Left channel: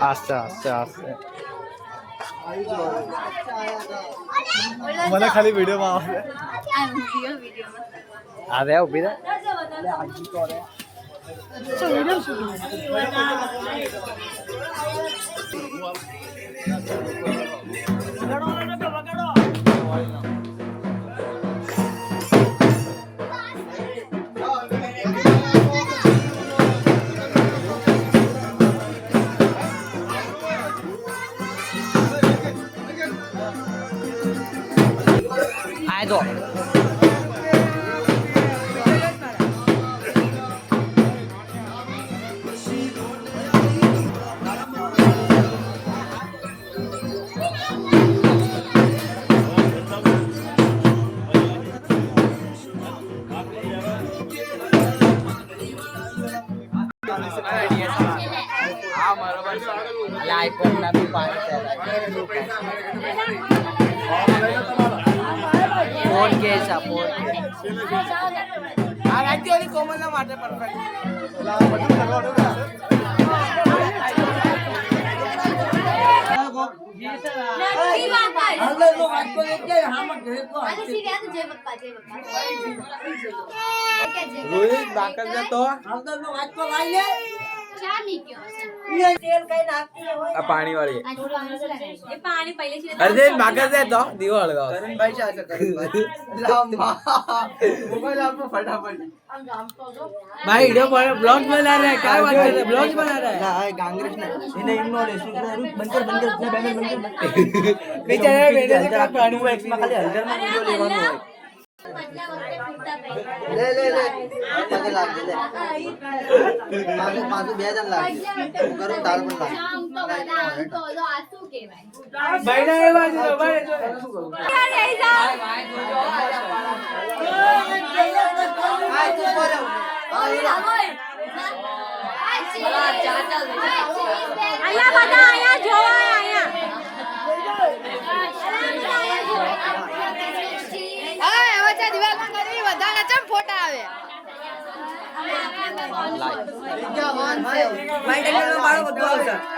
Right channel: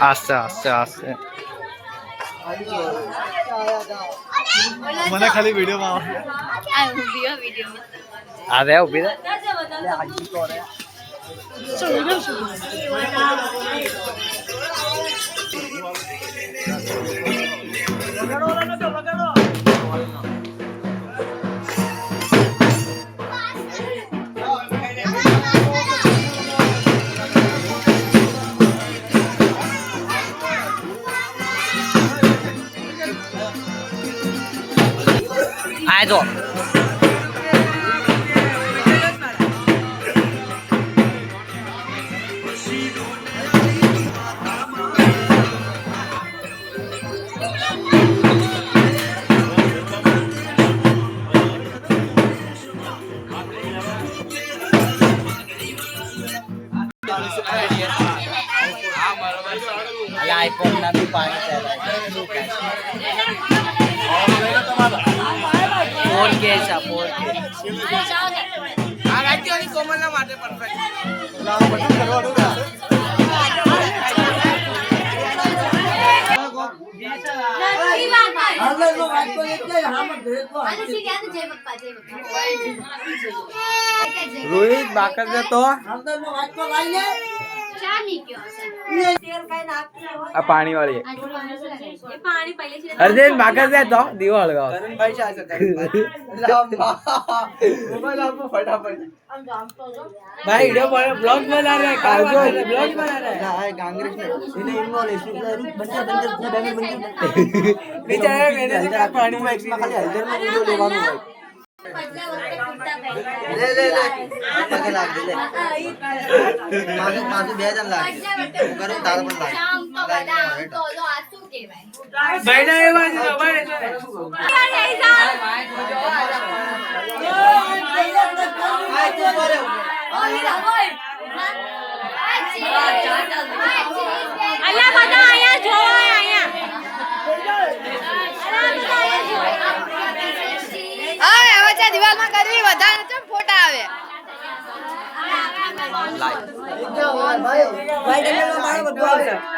આસ્તે આસ્તે આસ્તે મને ખાલી વિડિયો માં આ રે ઉભી રે આ જો આઈફોન ના બી પાણી 4K છે 4K આ રાજ્યની કોમલના માટે પરફેક્ટ રોહિત બાકર ને તો અંદરનો વાટકો લાઈ લે ચા ની ગયો તેલ કઈ નાખતી હોય આ પાણી વાળી એ પાણી પહેલેથી અરે બાકર દે તો દીવો હળગાવ કરણ ભાઈ છે કરણ મોબાઈલ આપો ફટાફટ ભાઈ वीडियो ब्लॉग बना रहा है क्या बात है ब्लॉग बना रहा है हां कांग्रेस ने इन्हें इग्नोर है बंदे बेचारे मैंने से का पानी में खाली हल्दर में वीडियो लेवानो है ले ले ले पगे लाग दे ले पासु બે જણ લાગે કરું તાલ પર લાગે આમ તો બધા આમ તો આસુ કેવાય ભાઈ ના એ બાજુ ભાઈ યાર એ જા આ તો બોલે અલ્લા બધા આયા જો આયા હવે હવે ચા દિવાલમાં કરવી વધારે ચમ ફોટા આવે લાઈવ ભાઈ ભાઈ મારો બધું આવશે